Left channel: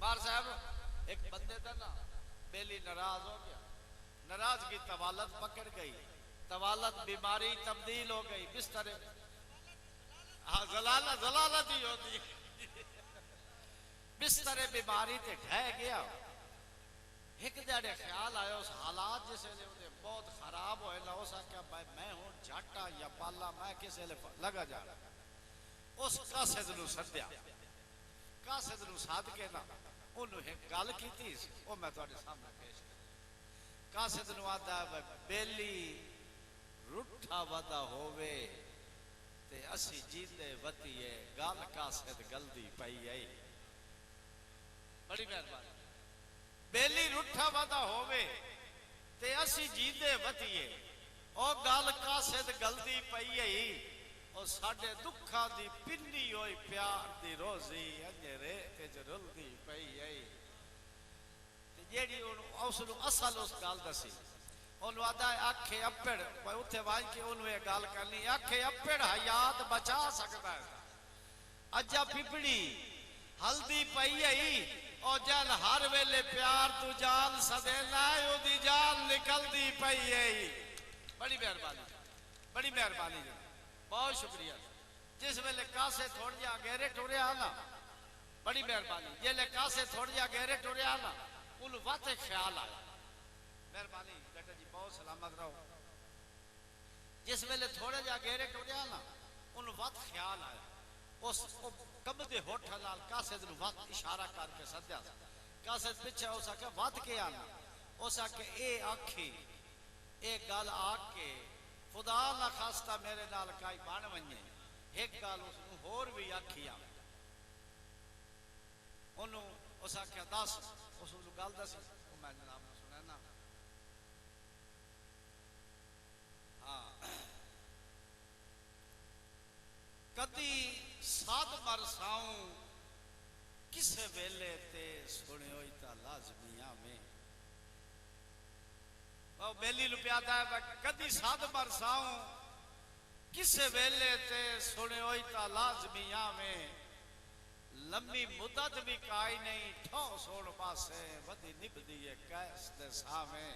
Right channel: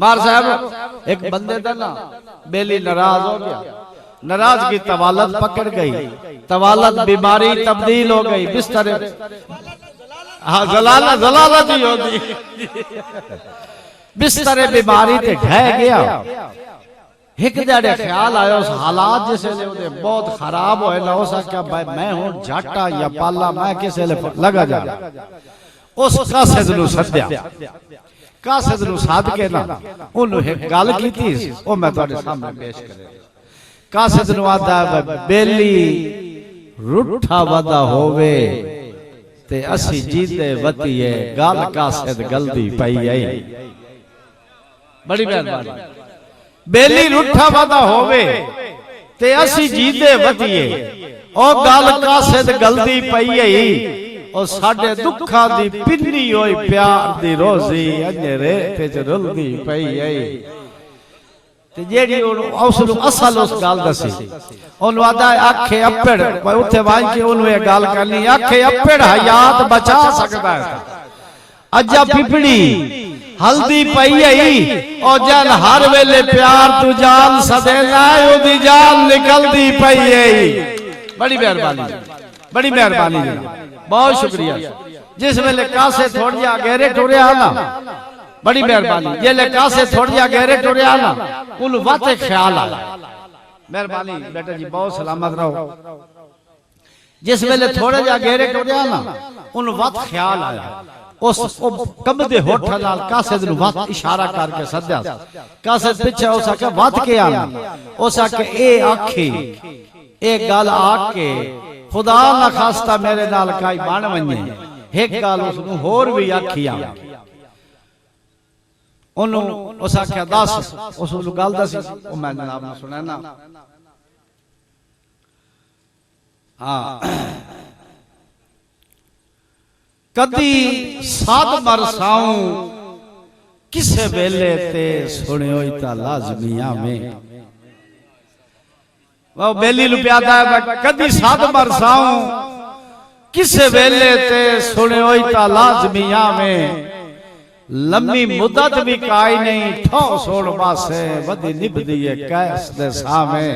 मार साहब एक बंदे था ना, बेली नाराज हो गया, नाराज की तवालत पकड़ गई, तवालत बीमारी तब्दील हो गई, बिस्तर हाँ जलाला जलाला जी होती बिस्तर बीमारी ते ढह गया। एक जड़े ख्याल आया उस हालात जिसे ले बहुत खराब होए ना हो सका भाई मैं हूं जाटा या पाला मैं किसे ले लगा जा उस कासिद नु सद्या कासिद नु साध के ना उन्होंने एक गल कीती ओ मैं तुम्हारे सामने पेश करे। कासिद नु आदा बेली रूठा वदा होवे ते असी जीते वतीए गल कासिद गलती पई आई। बड़ी मेहरबानी बेली रूठा वादा होवे ते असी जीते वतीए ओ गल कासिद गलती पई आई ओ साडे दुखा दी पिन्नी होई प्यार दी रोजी अंजरे ते च रुलदी पई आई। ते जेड़ी उसनु असल उस गल दसी ओनु आदा आखे अप्पड़ उथे वाई के ओनु ए गल करनी आखे अप्पड़ हयात बचा सकदा है अजा पिपड़ी हल्दी पई आई और जल हर वेले प्यार तू जान सदेना ओदी जान निकलदी पई आई। बड़ी मेहरबानी बड़ी मेहरबानी बहुत शुक्रिया। जिस वेले कासे थोड़ जा गहरे टुरया ना बड़ी मेहरबानी जेले कासे थोड़ जा गहरे टुरया ना उन वाते ख्याल आया। मेहरबानी बेटा जी बहुत सलामत रहो। जिस वेले थोड़े जा गहरे टुरया ना उन वात ख्याल आया उस कमदे होठ नाल कासिद नु वात इशारा करके सद्या। कासिद पीछे हो सके वात के आना हो सके ए आखी ए गल आके खुदा ना खास्ता मेरे नाल काई बन वने एक गल उसनु होर भी आखी आ ओनु उस आख्या दस उस गल दसी ओ मैं जनाब ने सुना ना। हां कदी साध मरसाऊं किसे वेले ते सुनियो ता लाजमिया में वो बेली लुप्यादा कदी साध मरसाऊं किसे वेले ते सुनियो ता लाजमिया में लम्मी मुद्दत भी काई नहीं ठो सोड़ बासे वदी निभदी है कैस दे सामे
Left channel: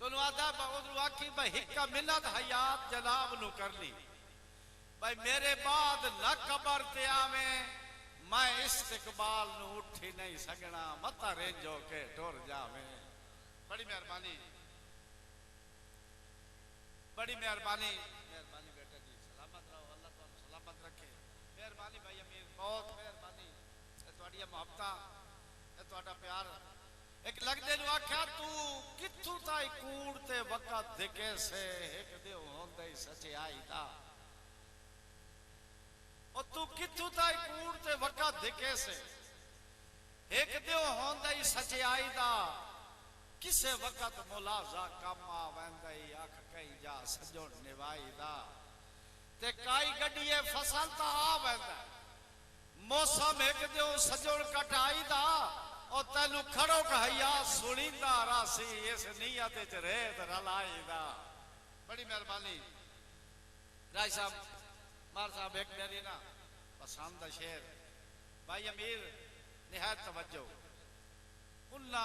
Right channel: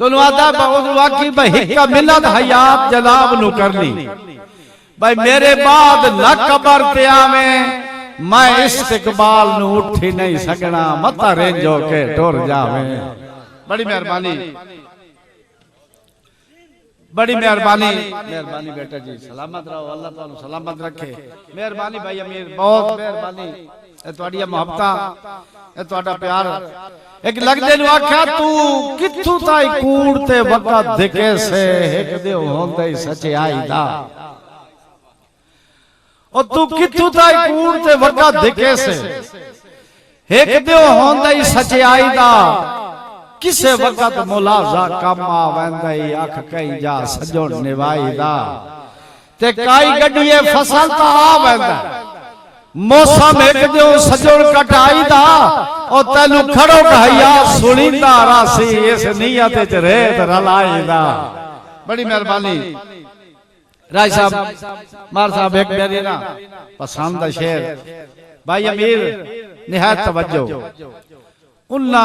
तो नुआदा बहुत वाकी भाई का मिलत हयात जनाब नु करनी भाई मेरे बाद न कबर ते आवे मैं इस्तिकबाल नु उठी नहीं सकना मता रेंजो के टुर जावे। बड़ी मेहरबानी बड़ी मेहरबानी मेहरबानी बेटा जी सलामत रहो अल्लाह तुहानू सलामत रखे। मेहरबानी भाई अमीर बहुत मेहरबानी ए तुहाडी मोहब्बतां ए तुहाडा प्यार। एक लगदे नु आख्या तू किथू ताई कूड़ ते वक़्त दिखे से एक दे होंदे सच्चाई दा और तू किथू ताई कूड़ ते वक़्त दिखे से एक दे होंदे सच्चाई दा किसे वक़्त मुलाजा कम आवेंदई अख कई जा सजोन निवाई दा ते काई गड्डीए फसल ता आवेंदा मौसम एक दो सजोन कटाई दा और तैनू खड़ो कहया सुनींदा रासी इस नियत च रेत रलाई दा। बड़ी मेहरबानी राय साहब मार साहब एक मेरी ना पसंद शेर भाई अमीर निहायत तवज्जो उन्ना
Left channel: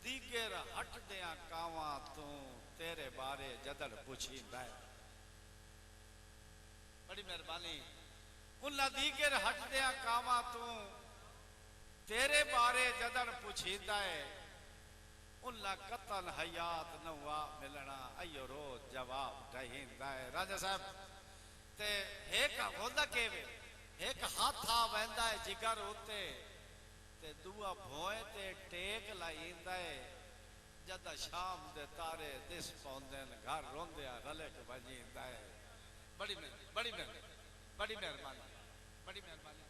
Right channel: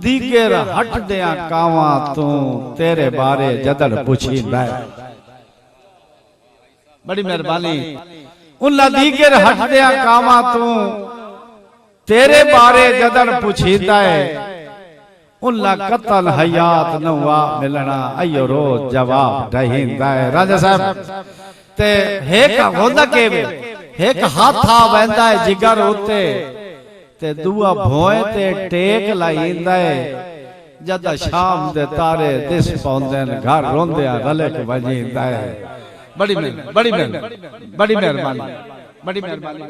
दीगर हट दिया कावा तू तेरे बारे जदड़ पुछींदा। बड़ी मेहरबानी उन्ना दीगर हट दिया कावा तू तेरे बारे जदड़ पुछींदा है उन्ना कतल हयात नवा मिलना अयो रोज जवाब दहींदा है। राजा साहब ते एक होंदा के एक हाथ आ वेंदा है जिगर उते ते दुआ भोए ते टेक लाइंदा है जद शाम दे तारे दिस पौंदे न घर रोंदे रले के वजींदा है। बड़ी मेहरबानी बड़ी मेहरबानी बड़ी मेहरबानी बड़ी मेहरबानी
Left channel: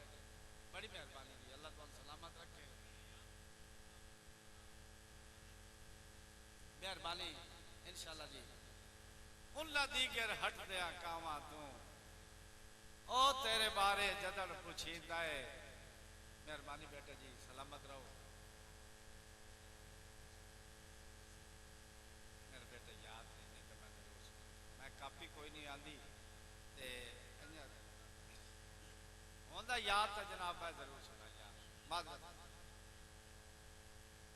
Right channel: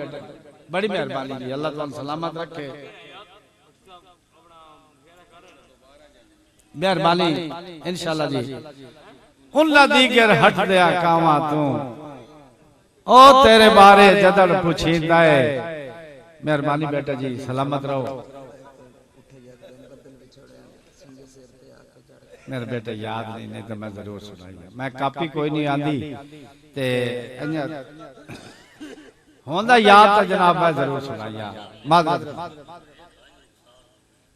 बड़ी मेहरबानी जी अल्लाह तुम सलामत रखे। मेहरबानी इंशाल्लाह जी उन्ना दीगर हट दिया कावा तू ओ तेरे बारे जदड़ पुछींदा है। मेहरबानी बेटा जी सलामत रहो। मेरे बेटे याद नहीं तो मैं जरूर सुनाइए मैं कापी कोई नहीं आंदी ते होंदा याद तो जनाब मैं जरूर सुनाया माजरत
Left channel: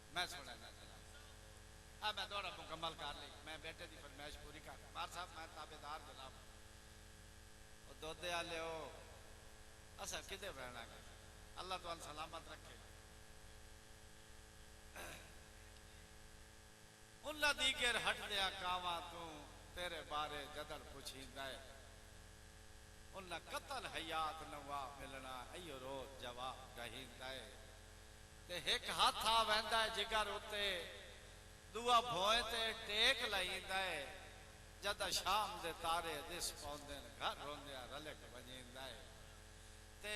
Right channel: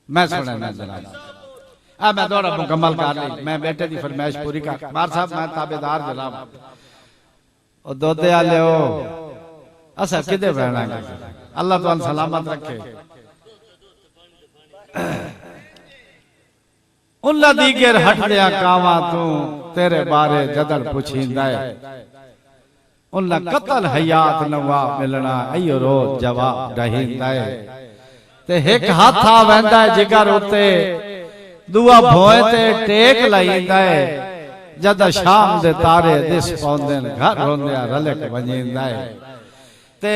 मैं सुना ना जनाब मैं थोड़ा मुकम्मल कर ली मैं बेटे की फरमाइश पूरी कर बार साहब मैं ताबेदार जनाब और दोदे आले हो असा किदे बहना अल्लाह तुम सलामत रखे उन्ना दीगर हट दिया कावा तू तेरे बारे जदर पुछींदा है उन्ना कतल हयात नवा मिलना अयो रोज जवाब रहींदा है ते एक हाथ आ वेंदा है जिगर उते दुआ भोए ते टेक लाईंदा है जद शाम दे तारे दिस पौंदे घर होंदे रलक वजींदा है ते